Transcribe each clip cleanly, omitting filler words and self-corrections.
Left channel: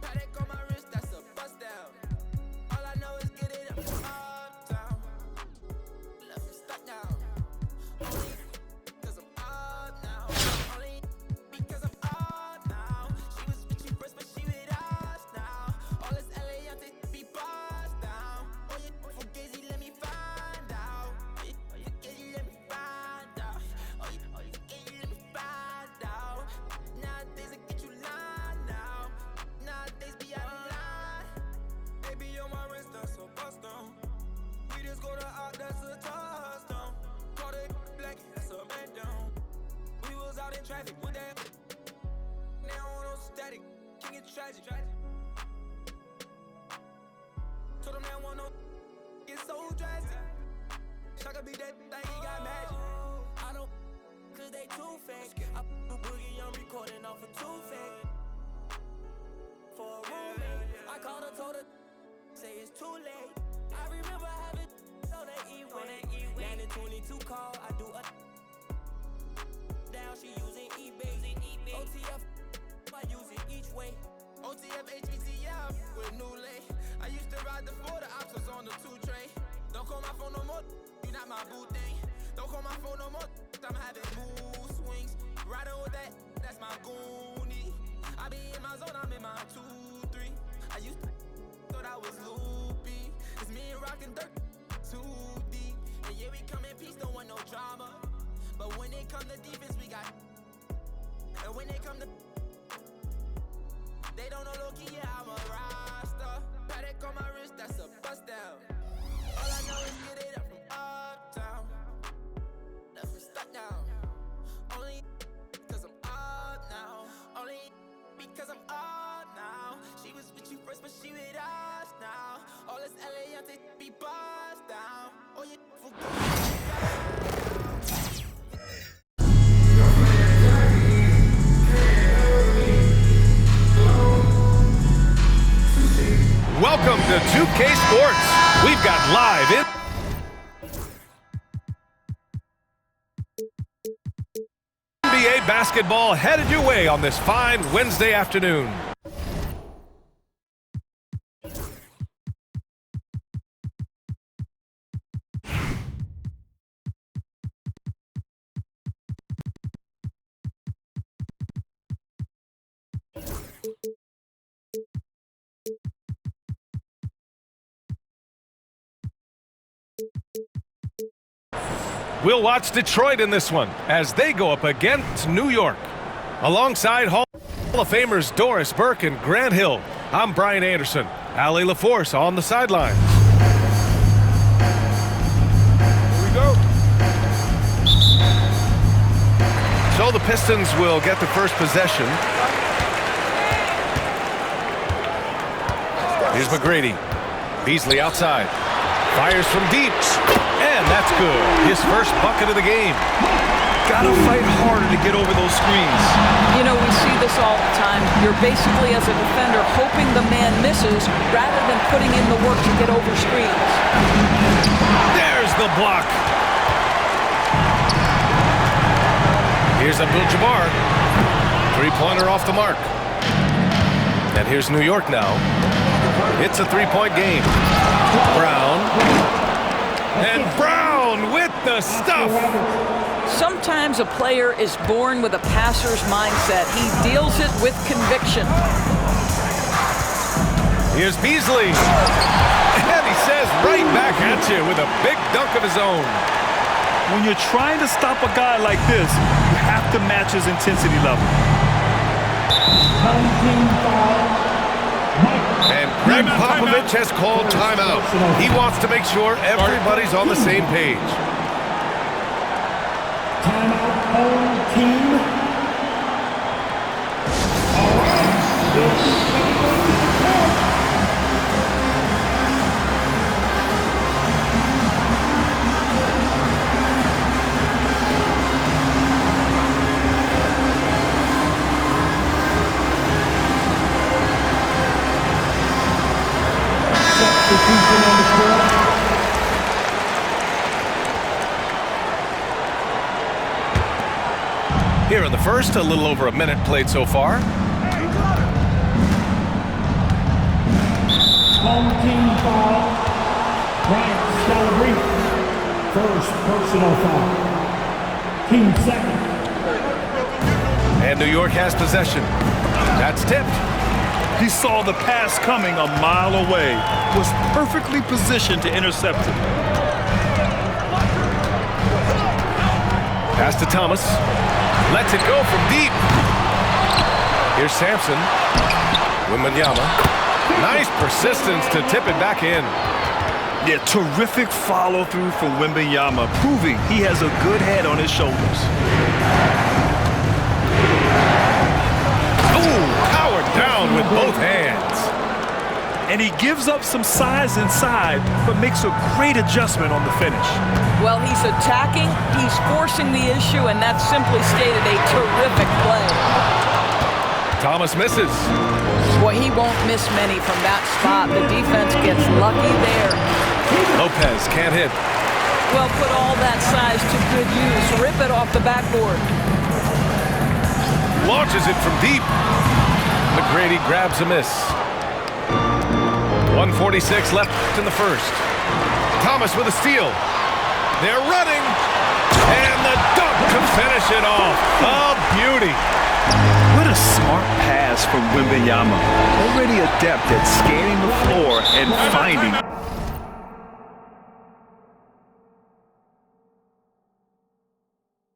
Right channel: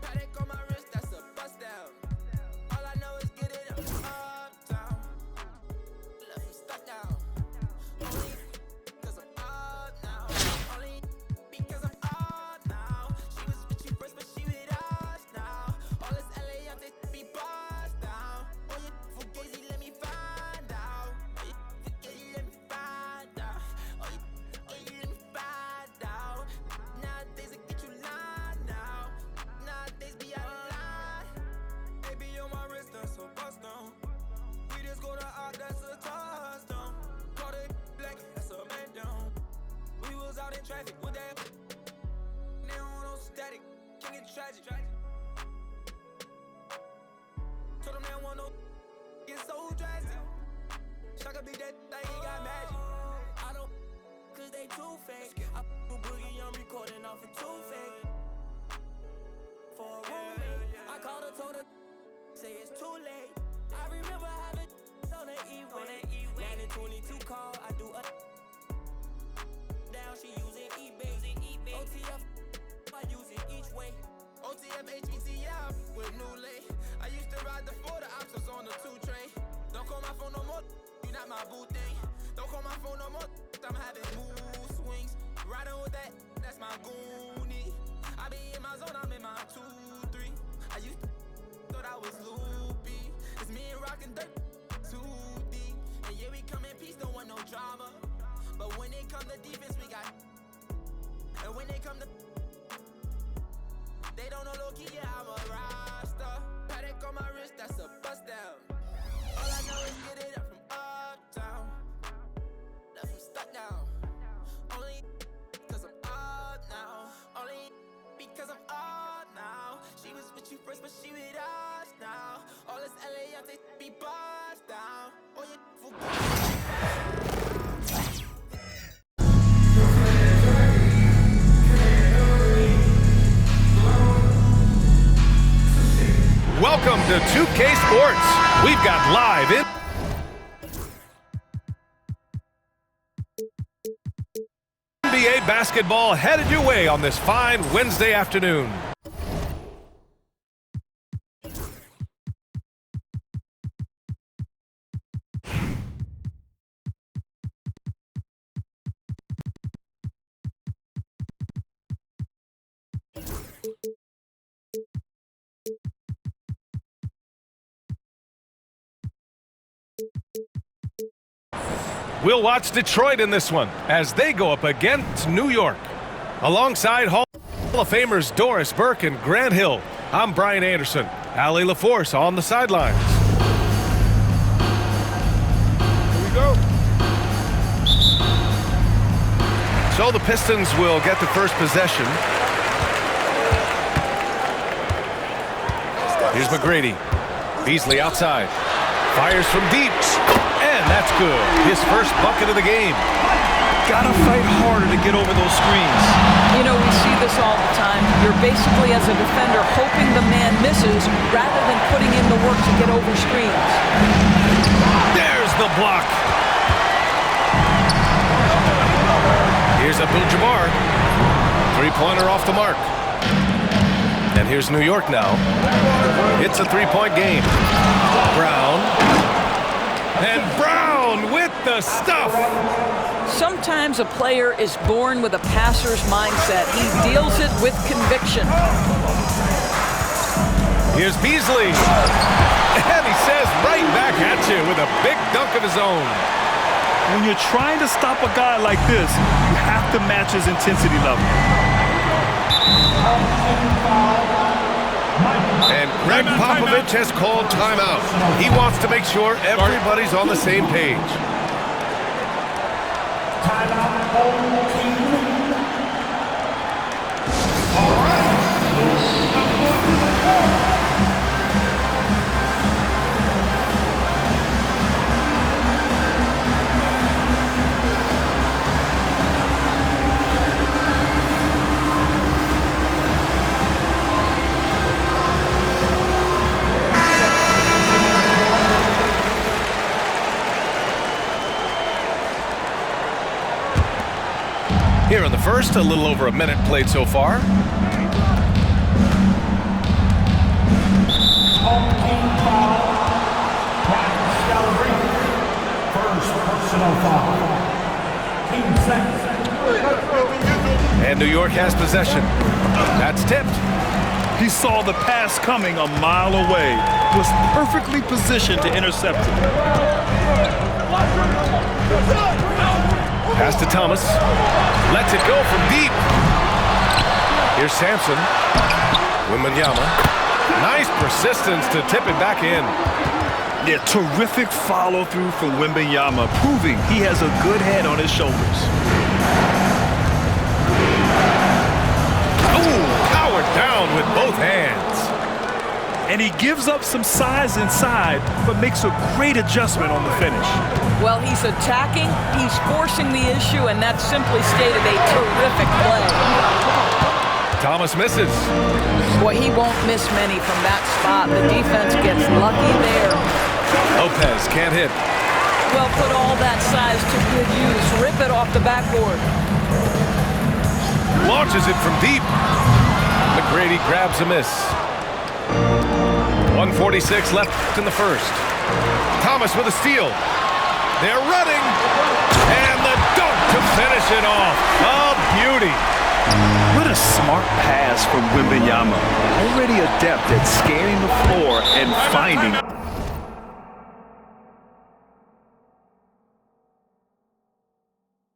Paddock on my wrist, that's a bust down. All I know is get it up, uptown. Left him stuck down. Only cause I'm up now. Only because I'm up now. She was with you first, but she with us now. All this LA, I'm be bust down. Oh, you fugazi, let me find out. Oh, you fugazi, let me find out. Oh, you fugazi, let me find out. Nowadays, I get you lying now. Nowadays, be out of line. Baby, on my wrist, that's a bust down. We just go to out, that's a touchdown. Call it black, that's a man down. We was out in traffic with that. Now on no static, king it tragic. Told them they want no get so drastic. Shaka be that thing, he got magic. I don't cause they too fake. I boogie, I'm recording off of too fake. For a roommate, I called her, told her, say it's too late. I remember having on that E-way. 9 and 22 call, I do a down, she using eBay. OTF, I use it each way. OTF, HBTF with new lay. I used to ride the 4, the ops was on the 2 tray. Don't call my phone no more, you not my boo thing. Don't call my phone no more, I'm having mood swings. Riding with that, that's my goonie. I be in my zone, I'm in my 2-3. I used to thought I was loopy. It's me and rockin' dirt, too deep. And yeah, we come in peace, don't want no drama. But when it come to defense, we got. And when they come to, they don't know low-key, yeah, I'm a roster. Paddock on my wrist, that's a bust down. All I know is get it up from uptown. Left him stuck down. Only cause I'm up now. Only because I'm up now. She was with you first, but she with us now. All this LA, they be bust down. Oh, you forget. Welcome to 2K Sports. We've got live NBA basketball headed your way on this fine Wednesday afternoon. We'll watch Detroit in this one as they go up against New York. Alongside Hall of Famers Doris Burke and Grant Hill, I'm Brian Anderson. Allie LaForce on the sidelines. Here we go. So the Pistons will get the first possession. Here's McGrady. Beasley outside. Fires from deep. And that's good. His first bucket of the game. Gotta fight harder to get over those screens. You know, we see this all the time. You're basically, as a defender, hoping the man misses rather than putting in the work to get over screens. There's the block. Here's Abdul-Jabbar. Three-pointer off the mark. And here's New York now. It's a three-point game. Brown. And Brown with the stuff. Sometimes a player is born with a passer's mindset. He deals it with conviction. Here's Beasley. And he says right back at you with a big dunk of his own. When you're trying to stop a guy like this, you have to match his intensity level. And Greg Popovich has called timeout. He wants to make sure everybody's on the same page. Timeout, home team. Here in the first, a little over a minute played so far. Home team foul. Brian Scalabrine. First personal foul. Team second. And New York has possession. That's tipped. He saw the pass coming a mile away, was perfectly positioned to intercept it. Pass to Thomas. Lets it go from deep. Here's Sampson. Wembanyama. Nice persistence to tip it back in. Yeah, terrific follow-through from Wembanyama, proving he has a good head on his shoulders. Powered down with both hands. And he gives up some size inside, but makes a great adjustment on the finish. Well, he's attacking, he's forcing the issue, and that's simply stated a terrific play. Thomas misses. Boy, he won't miss many from that spot. The defense gets lucky there. Lopez can't hit. Well, put all that size to good use. Rip it off the backboard. Launches it from deep. McGrady grabs a miss. 1:46 left in the first. Thomas with a steal. They're running. And the dunk to finish it off. A beauty. What a smart pass from Wembanyama. Already adept at scanning the floor and finding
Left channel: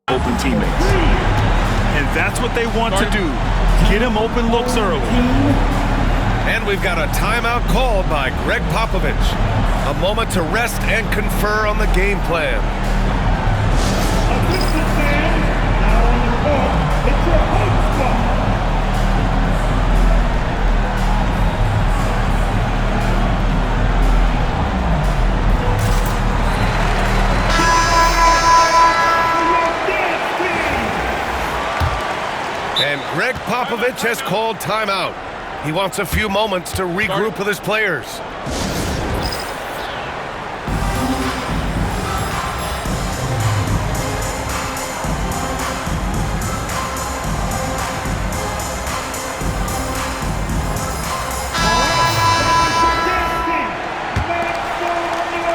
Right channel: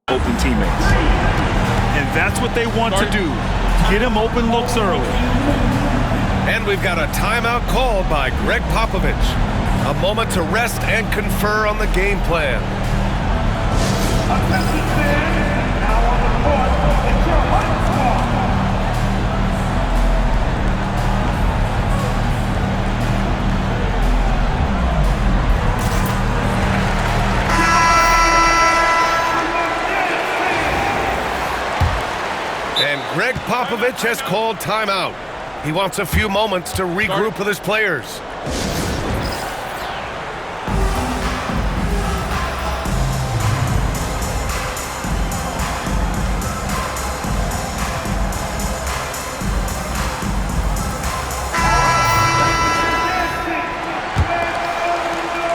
open teammates. And that's what they want to do. Get him open looks early. And we've got a timeout called by Greg Popovich. A moment to rest and confer on the game plan. Attention fans, now on the court, it's your hype squad. And Greg Popovich has called timeout. He wants a few moments to regroup with his players.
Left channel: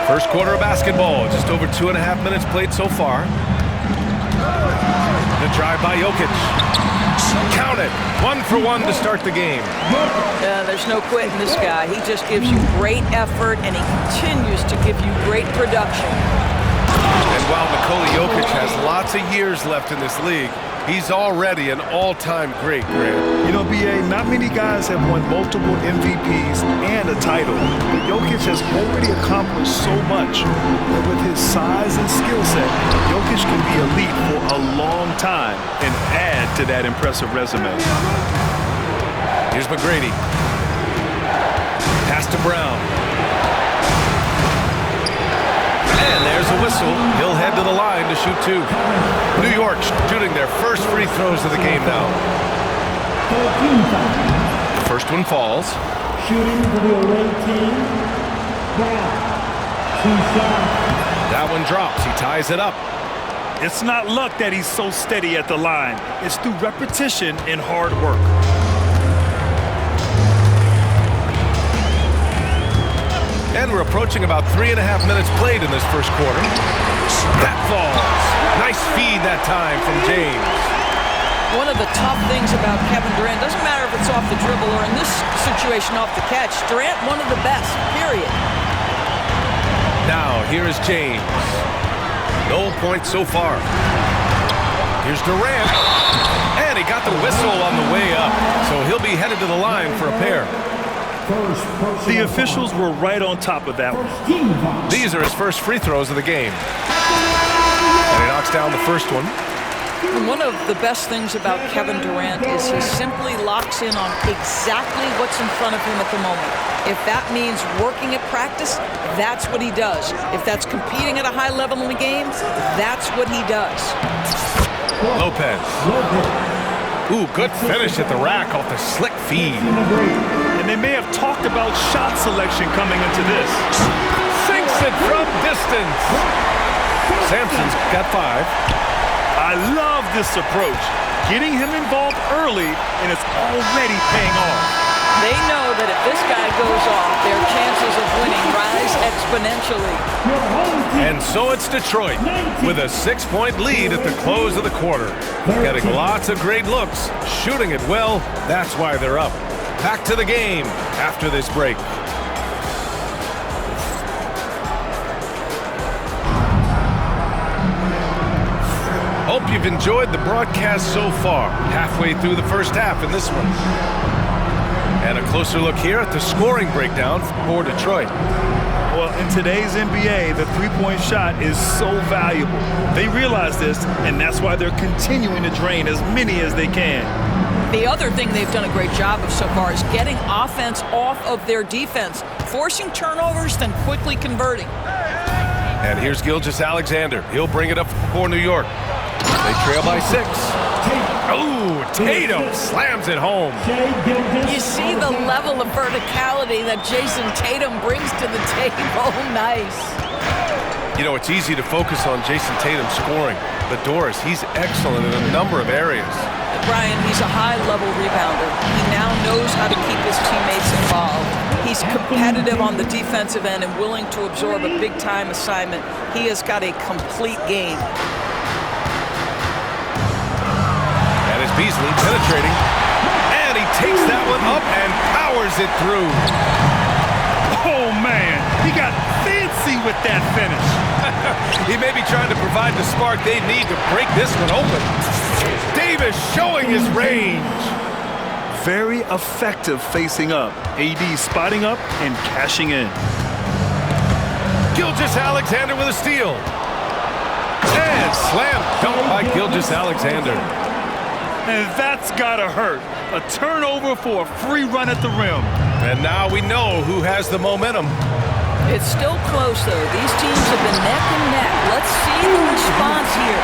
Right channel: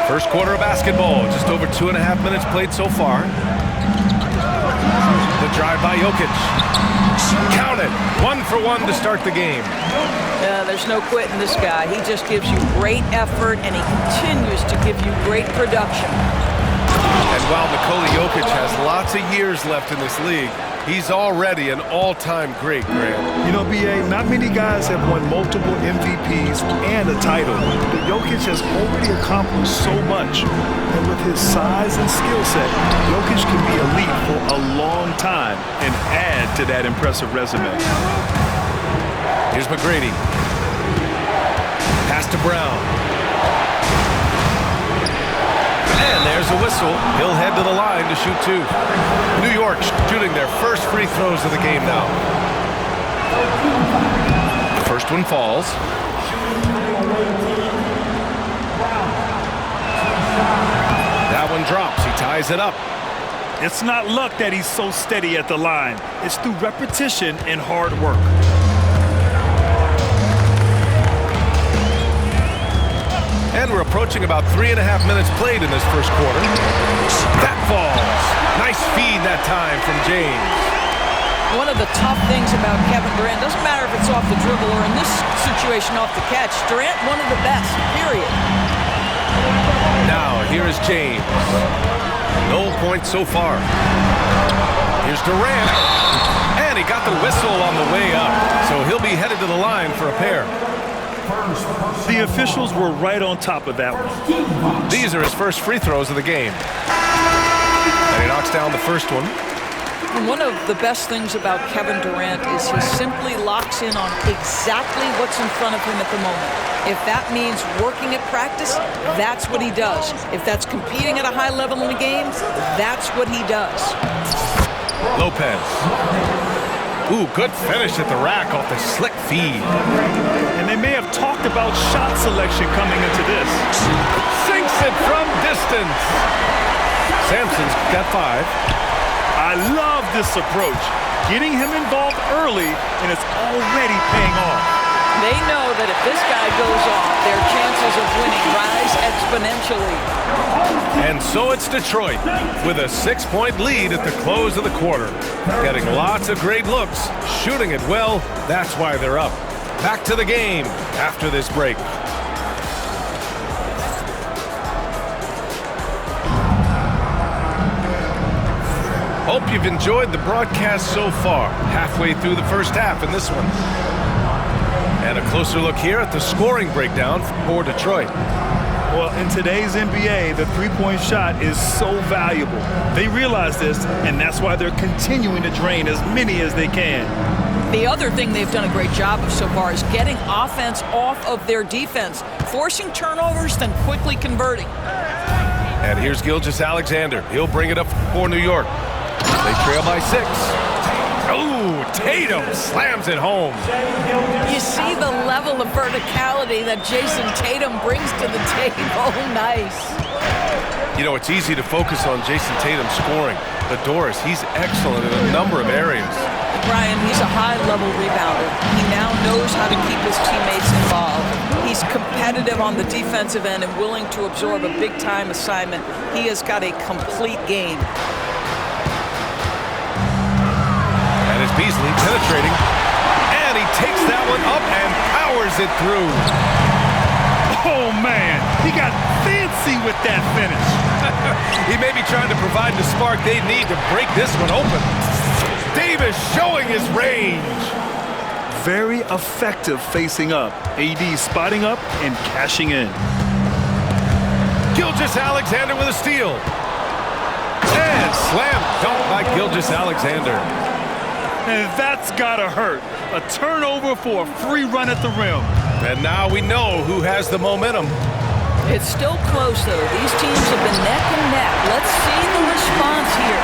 First quarter of basketball, just over 2.5 minutes played so far. The drive by Jokic. Count it. 1 for 1 to start the game. There's no quitting this guy. He just gives you great effort, and he continues to give you great production. And while Nikola Jokic has lots of years left in this league, he's already an all-time great, Grant. You know, B.A., not many guys have won multiple MVPs and a title, but Jokic has already accomplished so much. And with his size and skill set, Jokic can be elite for a long time and add to that impressive resume. Here's McGrady. Pass to Brown. And there's a whistle. He'll head to the line to shoot 2. New York shooting their first free throws of the game now. The first one falls. Shooting for the away team. Brown. 2 shots. That one drops. He ties it up. It's not luck that he's so steady at the line. It's through repetition and hard work. And we're approaching about 3.5 minutes played in this first quarter. That falls. Nice feed that time from James. One of the tough things about Kevin Durant, doesn't matter if it's off the dribble or in this situation off the catch, Durant one of the best, period. Now, here is James. No points so far. Here's Durant. And he got the whistle on the way up, so he'll be headed to the line for a pair. The officials were right on top of that one. These are his first free throws of the game. And he knocks down the first one. And one of the best things about Kevin Durant is he simply locks in on exactly what's in front of him at the moment. If that means working at practice, that's what he does. If that's competing at a high level in the game, that's what he does. Lopez. Ooh, good finish at the rack off the slick feed. And they may have talked about shot selection coming into this. Sinks it from distance. Sampson's got 5. I love this approach. getting him involved early, and it's already paying off. They know that if this guy goes off, their chances of winning rise exponentially. And so it's Detroit with a 6-point lead at the close of the quarter. Getting lots of great looks, shooting it well, that's why they're up. Back to the game after this break. Hope you've enjoyed the broadcast so far. Halfway through the first half in this one. And a closer look here at the scoring breakdown for Detroit. Well, in today's NBA, the three-point shot is so valuable. They realize this, and that's why they're continuing to drain as many as they can. The other thing they've done a great job of so far is getting offense off of their defense, forcing turnovers, then quickly converting. And here's Gilgeous-Alexander. He'll bring it up for New York. They trail by 6. Oh, Tatum slams it home. You see the level of verticality that Jason Tatum brings to the table. Nice. You know, it's easy to focus on Jason Tatum scoring, but Doris, he's excellent in a number of areas. Brian, he's a high-level rebounder. He now knows how to keep his teammates involved. He's competitive on the defensive end and willing to absorb a big-time assignment. He has got a complete game. That is Beasley penetrating, and he takes that one up and powers it through. Oh, man, he got fancy with that finish. He may be trying to provide the spark they need to break this one open. Davis showing his range. Very effective facing up. AD spotting up and cashing in. Gilgeous-Alexander with a steal. And slam dunk by Gilgeous-Alexander. And that's gotta hurt. A turnover for a free run at the rim. And now we know who has the momentum. It's still close, though. These teams have been neck and neck. Let's see the response here.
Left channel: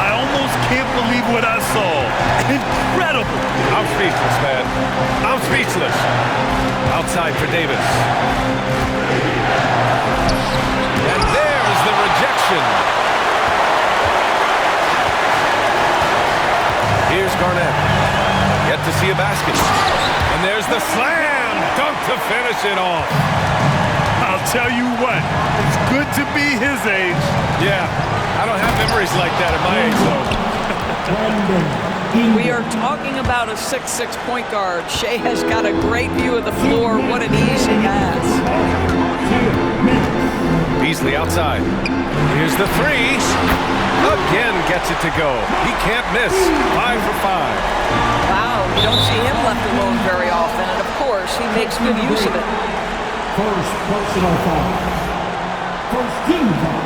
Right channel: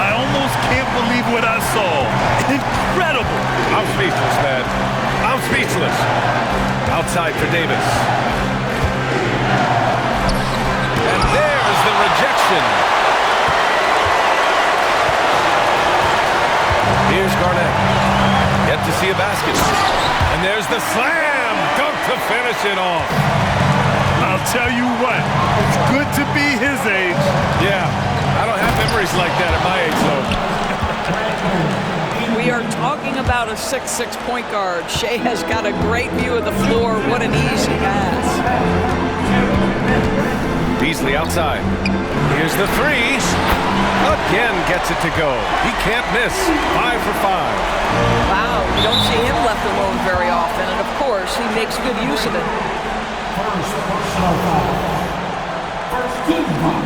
I almost can't believe what I saw. Incredible. I'm speechless, man. I'm speechless. Outside for Davis. And there's the rejection. Here's Garnett. Yet to see a basket. And there's the slam dunk to finish it off. I'll tell you what, it's good to be his age. Yeah, I don't have memories like that at my age, though. We are talking about a 6'6" point guard. Shea has got a great view of the floor. What an easy pass. Beasley outside. Here's the three. Again gets it to go. He can't miss. 5 for 5. Wow, you don't see him left alone very often, and of course, he makes good use of it. First personal foul. First team foul.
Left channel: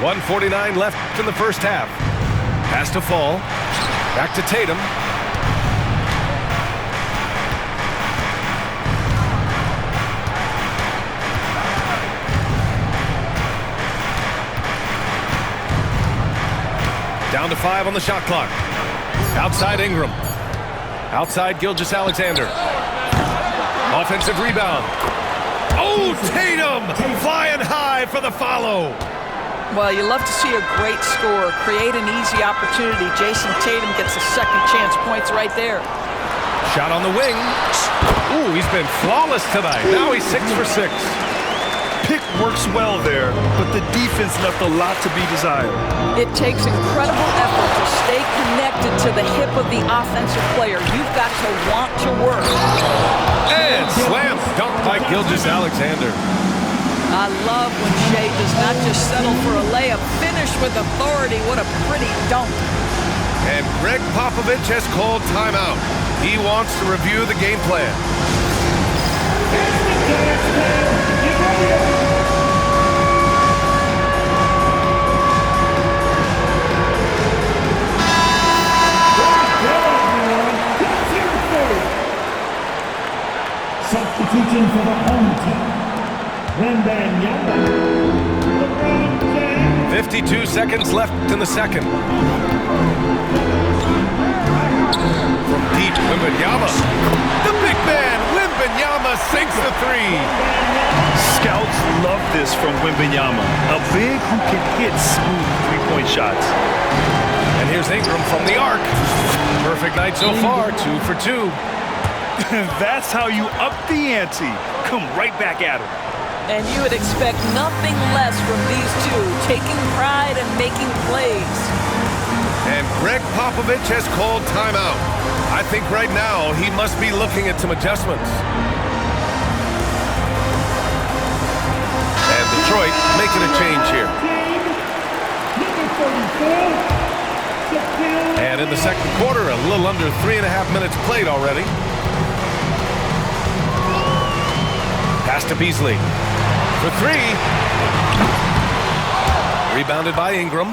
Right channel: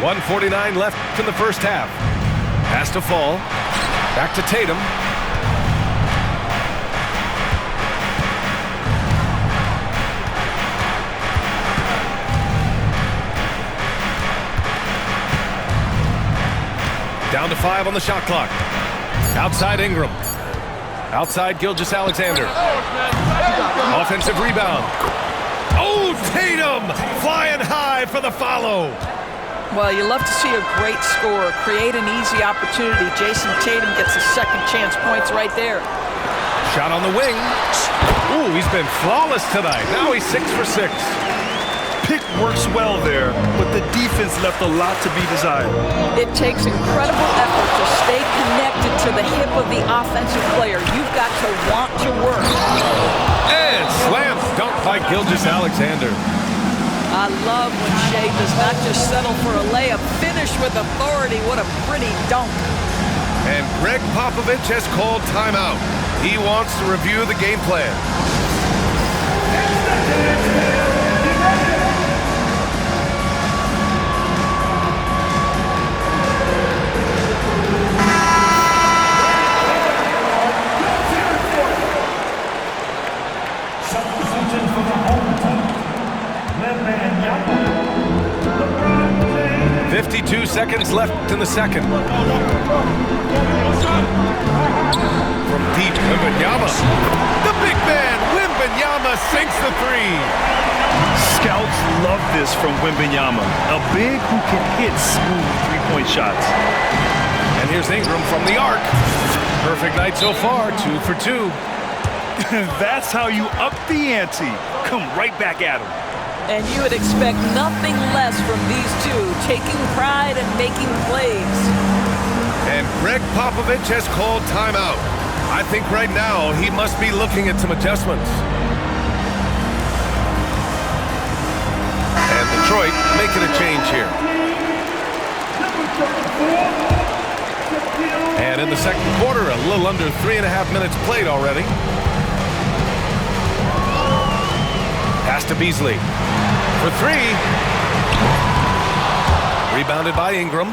1:49 left in the first half. Has to fall. Back to Tatum. Down to 5 on the shot clock. Outside Ingram. Outside Gilgeous-Alexander. Offensive rebound. Oh, Tatum flying high for the follow. Well, you love to see a great score create an easy opportunity. Jason Tatum gets a second chance points right there. Shot on the wing. Ooh, he's been flawless tonight. Now he's 6 for 6. Pick works well there, but the defense left a lot to be desired. It takes incredible effort to stay connected to the hip of the offensive player. You've got to want to work. And slam dunk by Gilgeous-Alexander. I love when Shea does not just settle for a layup. Finish with authority. What a pretty dunk. And Greg Popovich has called timeout. He wants to review the game plan. Substitution for the home team. Wembanyama. LeBron James. 52 seconds left in the second. From deep, Wembanyama. The big man, Wembanyama, sinks the three. Scouts love this from Wembanyama, a big who can hit smooth three-point shots. And here's Ingram from the arc. Perfect night so far, 2 for 2. That's how you up the ante. Come right back at him. And you would expect nothing less from these two, taking pride and making plays. And Greg Popovich has called timeout. I think right now he must be looking at some adjustments. And Detroit making a change here. And in the second quarter, a little under 3.5 minutes played already. Pass to Beasley for 3. Rebounded by Ingram.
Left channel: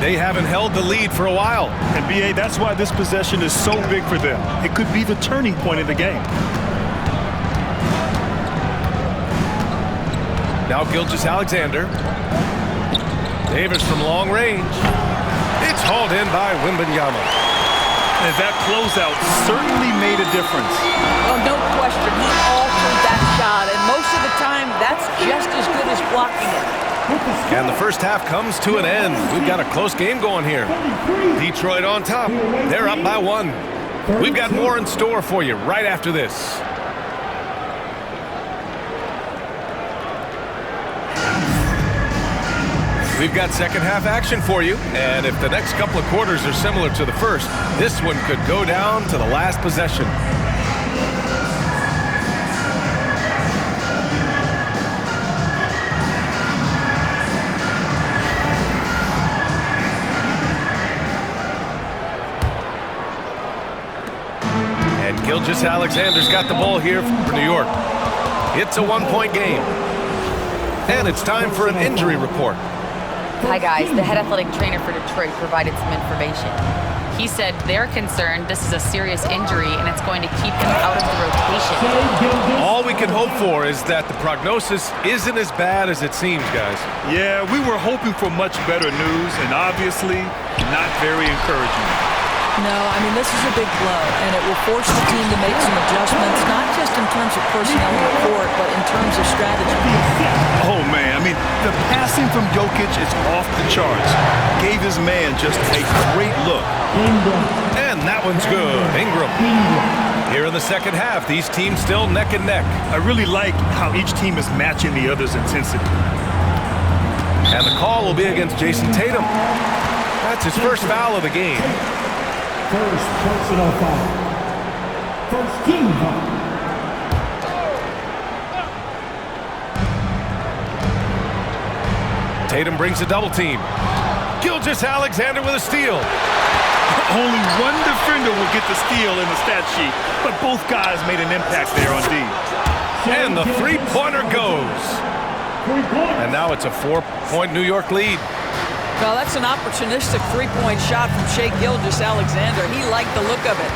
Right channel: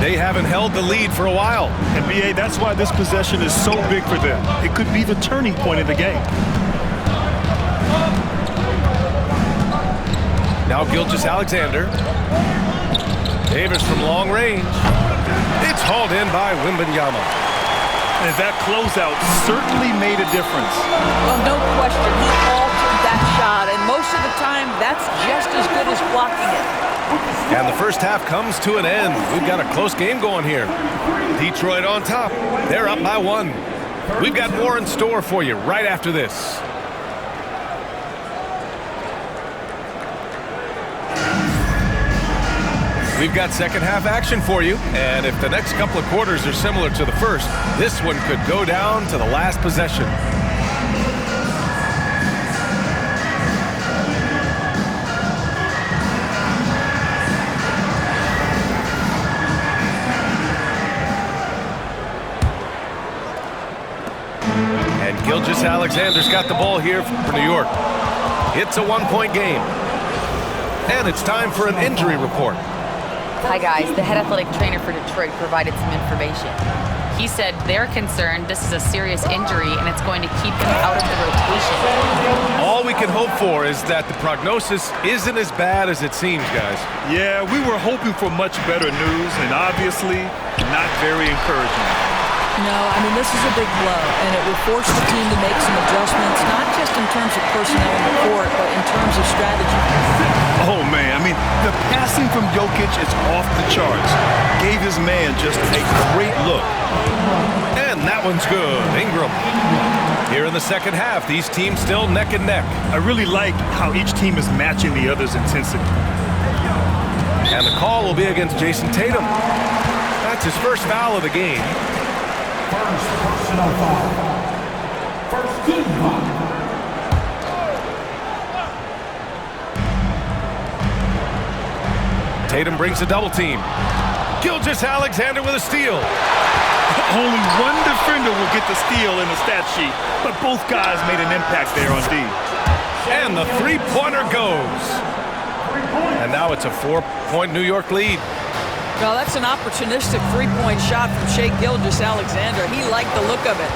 They haven't held the lead for a while. And B.A., that's why this possession is so big for them. It could be the turning point of the game. Now Gilgeous-Alexander. Davis from long range. It's hauled in by Wembanyama. And that closeout certainly made a difference. Well, no question, he altered that shot, and most of the time, that's just as good as blocking it. And the first half comes to an end. We've got a close game going here. Detroit on top. They're up by 1. We've got more in store for you right after this. We've got second half action for you, and if the next couple of quarters are similar to the first, this one could go down to the last possession. And Gilgeous-Alexander's got the ball here for New York. It's a 1-point game. And it's time for an injury report. Hi guys, the head athletic trainer for Detroit provided some information. He said they're concerned this is a serious injury and it's going to keep him out of the rotation. All we can hope for is that the prognosis isn't as bad as it seems, guys. Yeah, we were hoping for much better news, and obviously not very encouraging. No, I mean, this is a big blow, and it will force the team to make some adjustments, not just in terms of personnel in the court, but in terms of strategy. Oh, man, I mean, the passing from Jokic is off the charts. Gave his man just a great look. And that one's good. Ingram. Here in the second half, these teams still neck and neck. I really like how each team is matching the other's intensity. And the call will be against Jason Tatum. That's his first foul of the game. First personal foul. First team foul. Tatum brings a double team. Gilgeous-Alexander with a steal. Only one defender will get the steal in the stat sheet, but both guys made an impact there on D. And the three-pointer goes. And now it's a 4-point New York lead. Well, that's an opportunistic three-point shot from Shai Gilgeous-Alexander. He liked the look of it.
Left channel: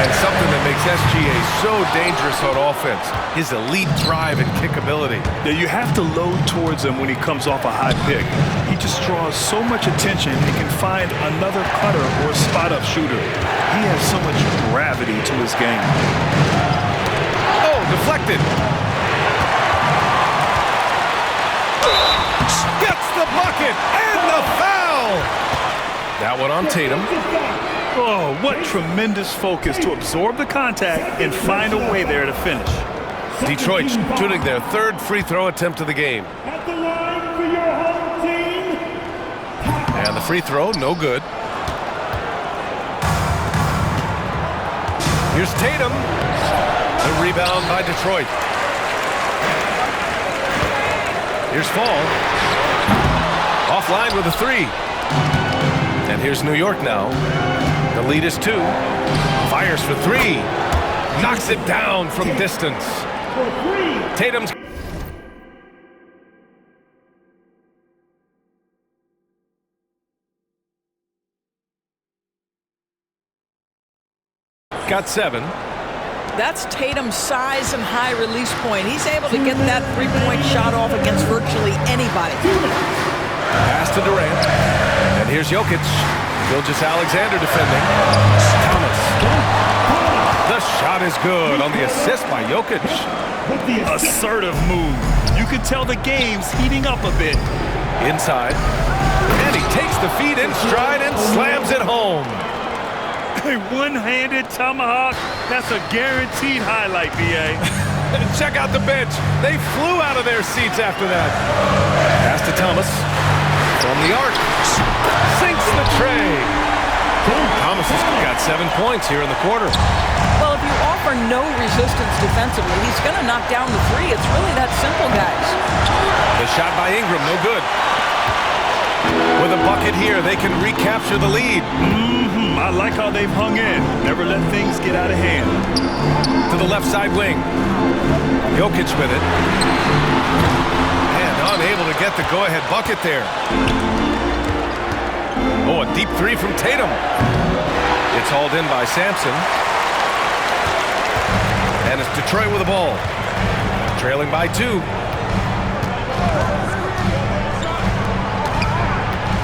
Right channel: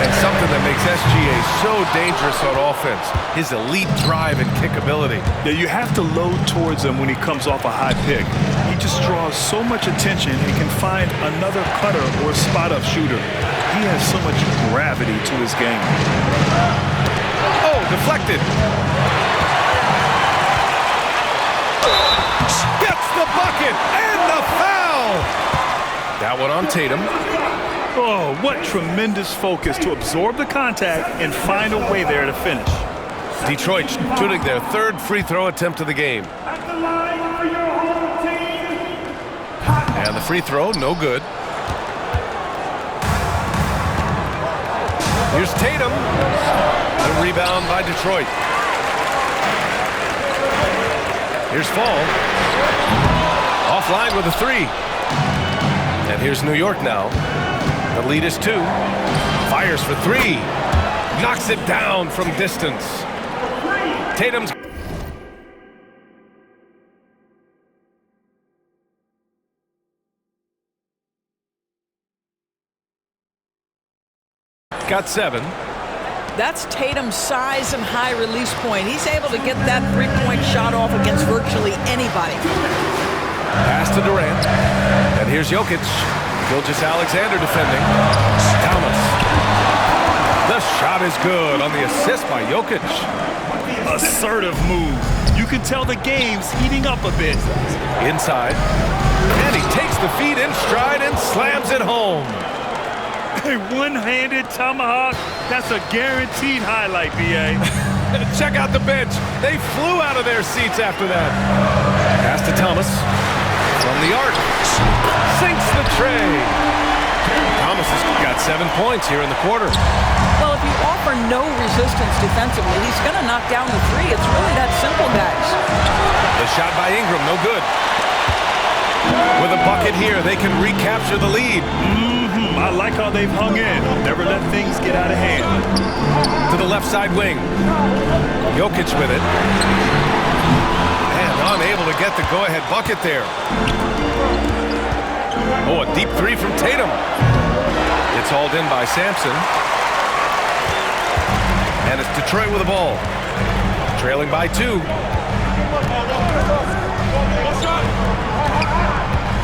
And something that makes SGA so dangerous on offense, his elite drive and kick ability. Yeah, you have to load towards him when he comes off a high pick. He just draws so much attention and can find another cutter or spot-up shooter. He has so much gravity to his game. Oh, deflected. Gets the bucket and the foul. That one on Tatum. Oh, what tremendous focus to absorb the contact and find a way there to finish. Detroit shooting their third free throw attempt of the game. At the line for your home team. And the free throw, no good. Here's Tatum. The rebound by Detroit. Here's Fall. Offline with a 3. And here's New York now. The lead is 2. Fires for 3. Knocks it down from distance. Tatum's got 7. That's Tatum's size and high release point. He's able to get that three-point shot off against virtually anybody. Pass to Durant. And here's Jokic. Gilgeous-Alexander defending. Thomas. The shot is good on the assist by Jokic. Assertive move. You can tell the game's heating up a bit. Inside. And he takes the feet in stride and slams it home. A one-handed tomahawk, that's a guaranteed highlight, B.A. Check out the bench. They flew out of their seats after that. Pass to Thomas. From the arc. Sinks the tray. Thomas has got 7 points here in the quarter. Well, if you offer no resistance defensively, he's going to knock down the three. It's really that simple, guys. The shot by Ingram, no good. With a bucket here, they can recapture the lead. I like how they've hung in. Never let things get out of hand. To the left side wing. Jokic with it. And unable to get the go-ahead bucket there. Oh, a deep three from Tatum. It's hauled in by Sampson. And it's Detroit with the ball. Trailing by 2.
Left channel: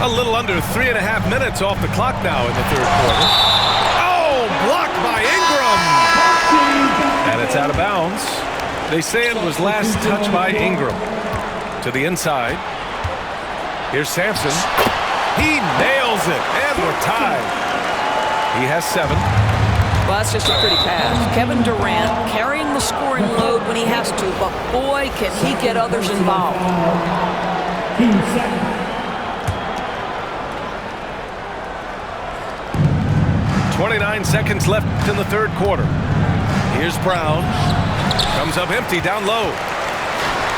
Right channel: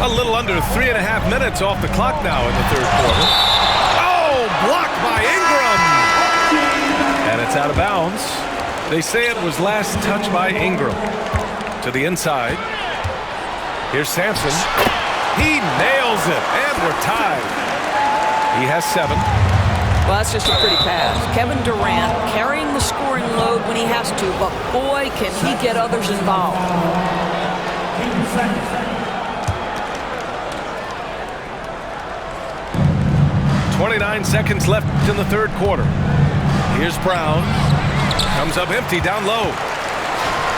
A little under 3.5 minutes off the clock now in the third quarter. Oh, blocked by Ingram. And it's out of bounds. They say it was last touched by Ingram. To the inside. Here's Sampson. He nails it, and we're tied. He has 7. Well, that's just a pretty pass. Kevin Durant carrying the scoring load when he has to, but boy, can he get others involved. 29 seconds left in the third quarter. Here's Brown. Comes up empty down low.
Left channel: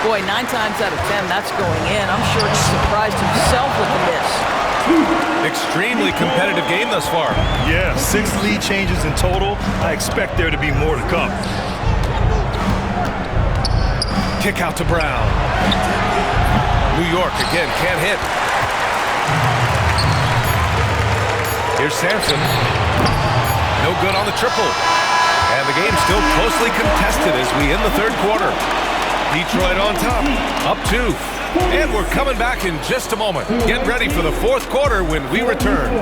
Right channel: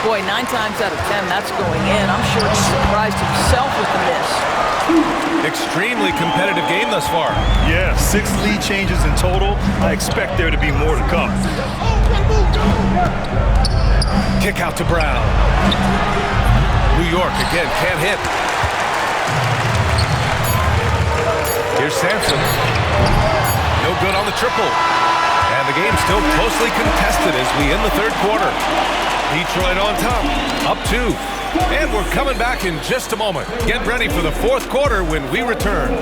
Boy, 9 times out of 10, that's going in. I'm sure he surprised himself with the miss. Extremely competitive game thus far. Yeah, 6 lead changes in total. I expect there to be more to come. Kick out to Brown. New York again can't hit. Here's Sampson. No good on the triple. And the game's still closely contested as we end the third quarter. Detroit on top, up 2. And we're coming back in just a moment. Get ready for the fourth quarter when we return.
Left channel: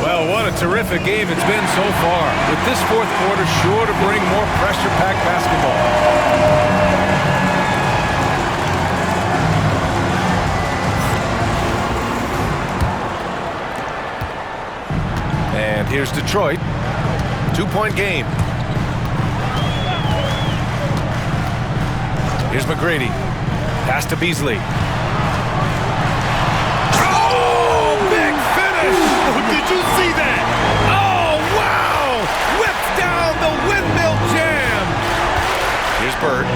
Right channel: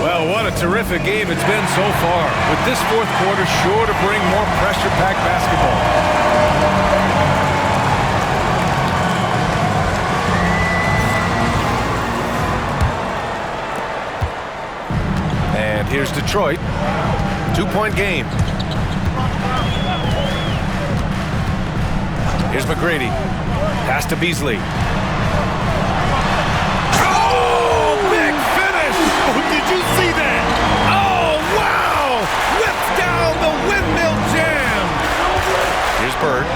Well, what a terrific game it's been so far, with this fourth quarter sure to bring more pressure-packed basketball. And here's Detroit. 2-point game. Here's McGrady. Pass to Beasley. Oh, big finish! Oh, did you see that? Oh, wow! Whips down the windmill jam! Here's Bird.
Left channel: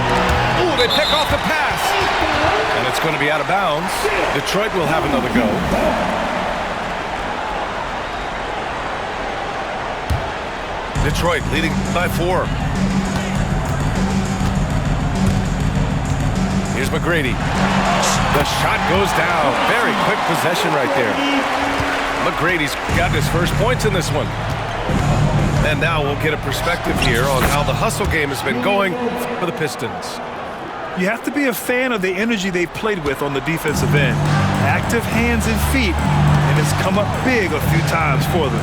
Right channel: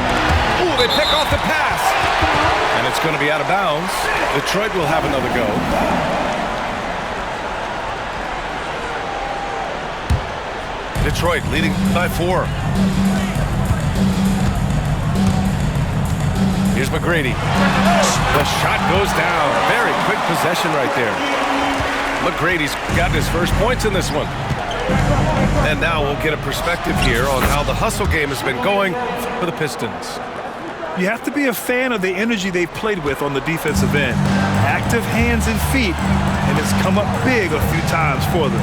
Oh, they pick off the pass. And it's going to be out of bounds. Detroit will have another go. Detroit leading by 4. Here's McGrady. The shot goes down. Very quick possession right there. McGrady's got his first points in this one. And now we'll get a perspective here on how the hustle game has been going for the Pistons. You have to be a fan of the energy they've played with on the defensive end. Active hands and feet, and it's come up big a few times for them.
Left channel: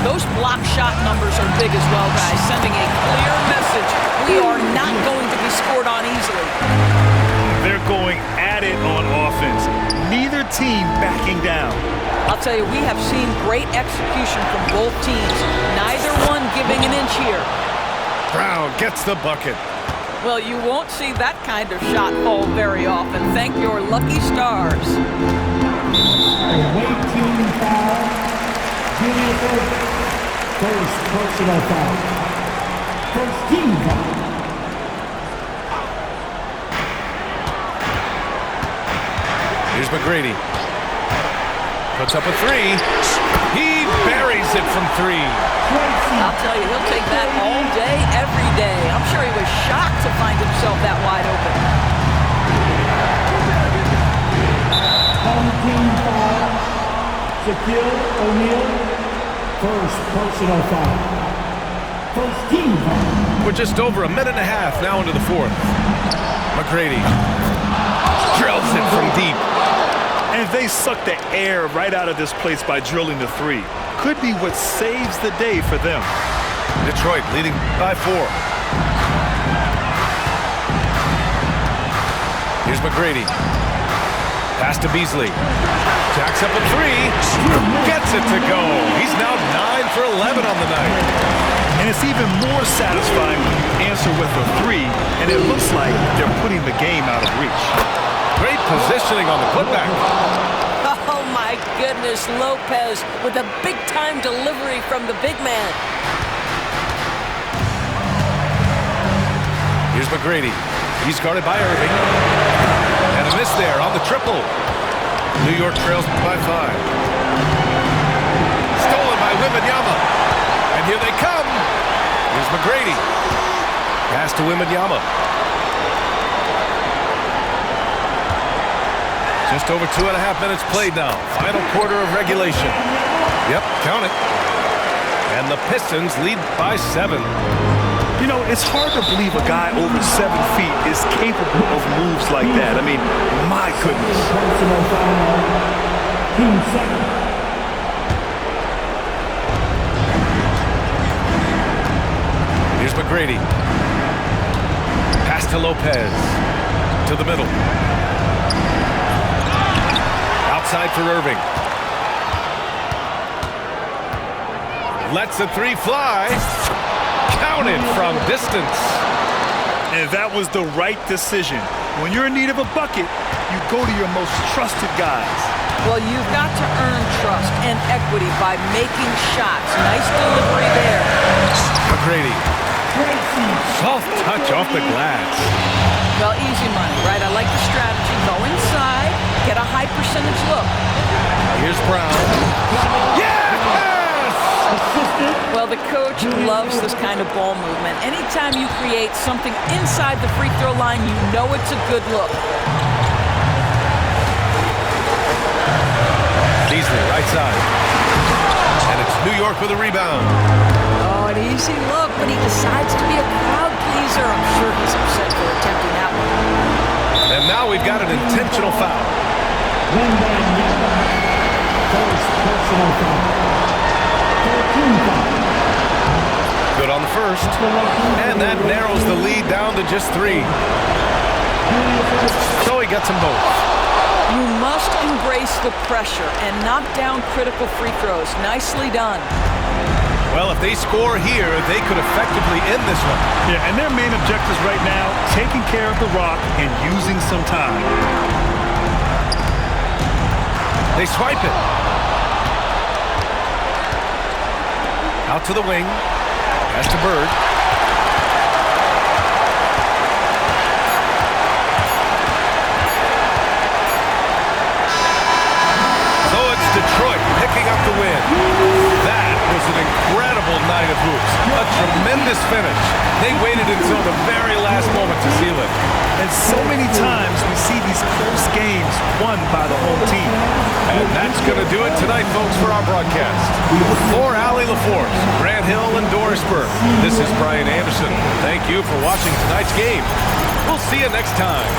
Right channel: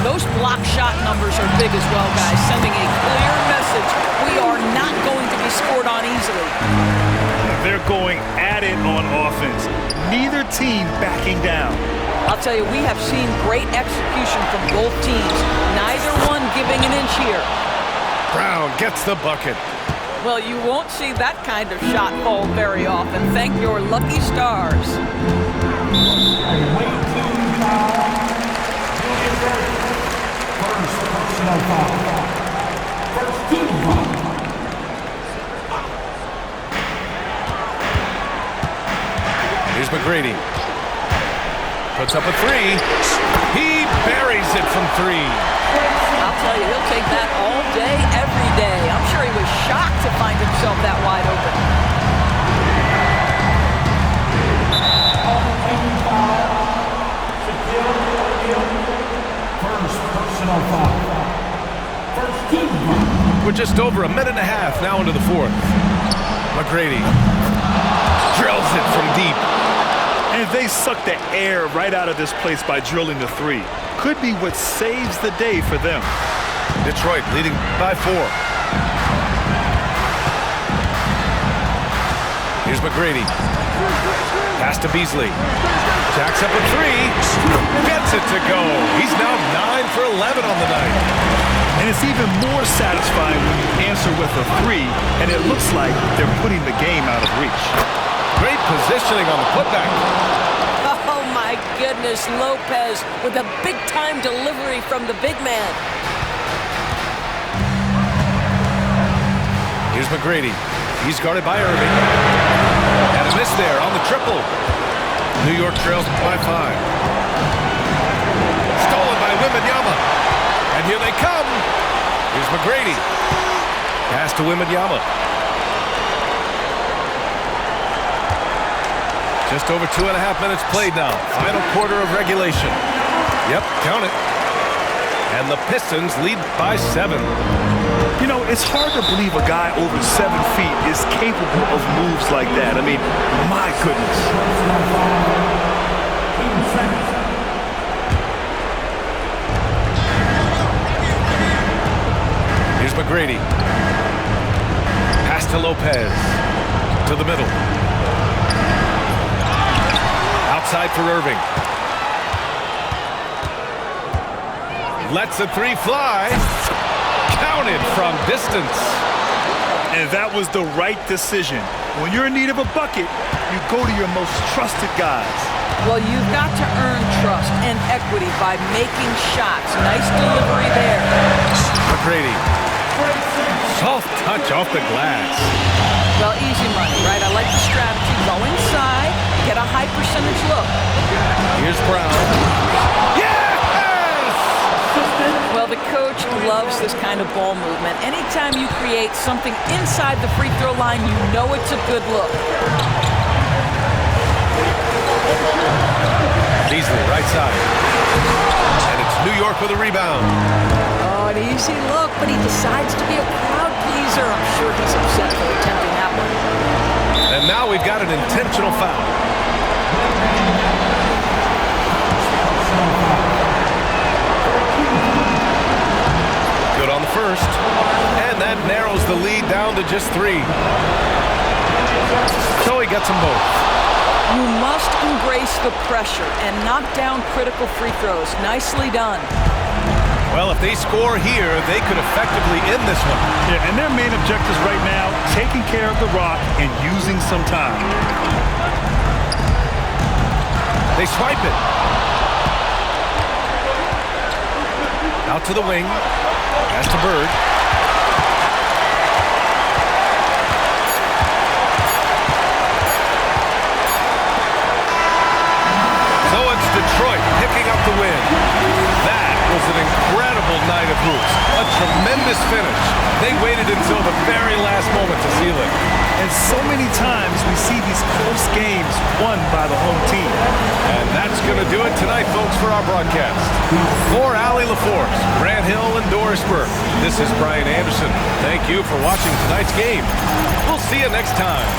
Those block shot numbers are big as well, guys, sending a clear message. We are not going to be scored on easily. They're going at it on offense. Neither team backing down. I'll tell you, we have seen great execution from both teams. Neither one giving an inch here. Brown gets the bucket. Well, you won't see that kind of shot fall very often. Thank your lucky stars. First personal foul. First team foul. Here's McGrady. Puts up a 3. He buries it from 3. I'll tell you, he'll take that all day, every day. I'm sure he was shocked to find himself that wide open. On the team foul, Shaquille O'Neal. First personal foul. First team foul. We're just over a minute and a half now into the fourth. McGrady drills it from deep. And they suck the air right out of this place by drilling the 3. could be what saves the day for them. Detroit leading by 4. Here's McGrady. Pass to Beasley. Jacks up a 3. Gets it to go. He's now 9 for 11 on the night. And it's even more satisfying when you answer with a 3, and it looks like they're putting the game out of reach. Great positioning on the putback. Oh, my goodness. Lopez with a big-time delivery from the big man. Here's McGrady. He's guarded by Irving. And a miss there on the triple. New York trails by 5. Stolen by Wembanyama. And here they come. Here's McGrady. Pass to Wembanyama. Just over 2.5 minutes played now. Final quarter of regulation. Yep, count it. And the Pistons lead by 7. You know, it's hard to believe a guy over 7 feet is capable of moves like that. I mean, my goodness. Personal foul. Team second. Here's McGrady. Pass to Lopez. To the middle. Outside for Irving. Lets the 3 fly. Counted from distance. And that was the right decision. When you're in need of a bucket, you go to your most trusted guys. Well, you've got to earn trust and equity by making shots. Nice delivery there. McGrady. Soft touch off the glass. Well, easy money, right? I like the strategy. Go inside, get a high percentage look. Here's Brown. Yes! Well, the coach loves this kind of ball movement. Anytime you create something inside the free throw line, you know it's a good look. Beasley, right side. And it's New York with a rebound. Oh, an easy look, but he decides to be a crowd pleaser. I'm sure he's upset for attempting that one. And now we've got an intentional foul. First personal foul. Good on the first. And that narrows the lead down to just 3. So he gets them both. You must embrace the pressure and knock down critical free throws. Nicely done. Well, if they score here, they could effectively end this one. Yeah, and their main objectives right now, taking care of the rock and using some time. They swipe it. Out to the wing. Pass to Bird. So it's Detroit picking up the win. That was an incredible night of hoops. A tremendous finish. They waited until the very last moment to seal it. And so many times we see these close games won by the home team. And that's going to do it tonight, folks, for our broadcast. For Allie LaForce, Grant Hill, and Doris Burke, this is Brian Anderson. Thank you for watching tonight's game. We'll see you next time.